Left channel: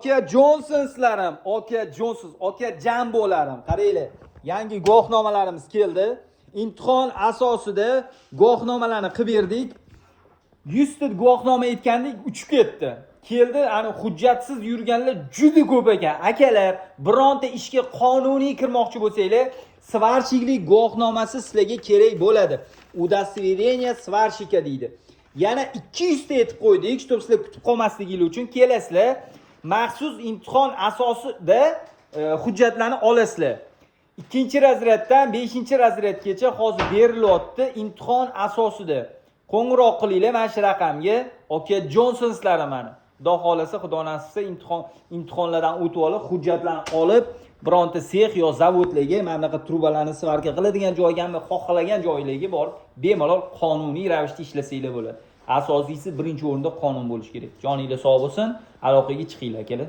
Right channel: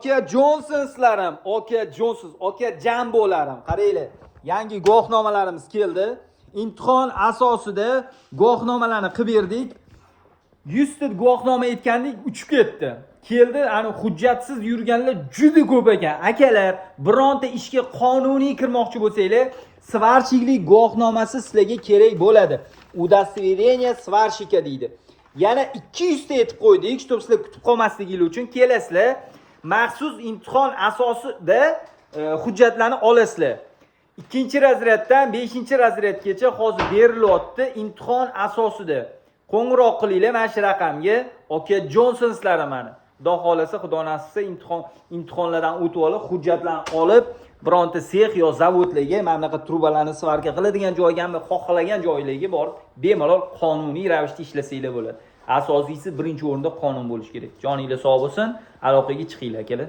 Aka Johnsonslarim, aka Johnsons, aka Jambolarim, qaranglar. Yangi guvohnomalarimiz keldi. Imtihon asosida guvohnomalarni qilib berdik. 100 ta guvohnoma aytgandik, uchib ketdi. Keldi, ani hujjatsiz yurganlar juda ko'p ekan. Akalar, bironta ishga qonuniy kirmoqchi bo'lsanglar, svarshiklik guvohnomasi sizlarga kerak bo'ladi. Удостоверение svarshika deydi. Yana 200 ta aytib qo'ydik, чтобы sizlar kutib qolmasligingiz uchun kelasizlar. Maxsus imtihon asosida hujjatlarni olasizlar. 2-razreddan 5-razredgacha hozir berilyapti imtihon asosida. Qo'ng'iroq qilinglar mana shu raqamga. Aka Johnsonslari mana. Xudo xolasa, xudo nasib qilsa imtihonlardan o'tib olib, hujjatlarni olib, bironta sex yo zavodlarga mana bunaqa trubalarni svarka qiladigan joyga ham xohlagan joylarga borib, bemalol qonuniy ravishda ishlasanglar bo'ladi. Asosiysi birinchi o'rinda qonun bo'lishi kerak. Joninglar sog' bo'lsin, aloqaga chiqinglar akalar.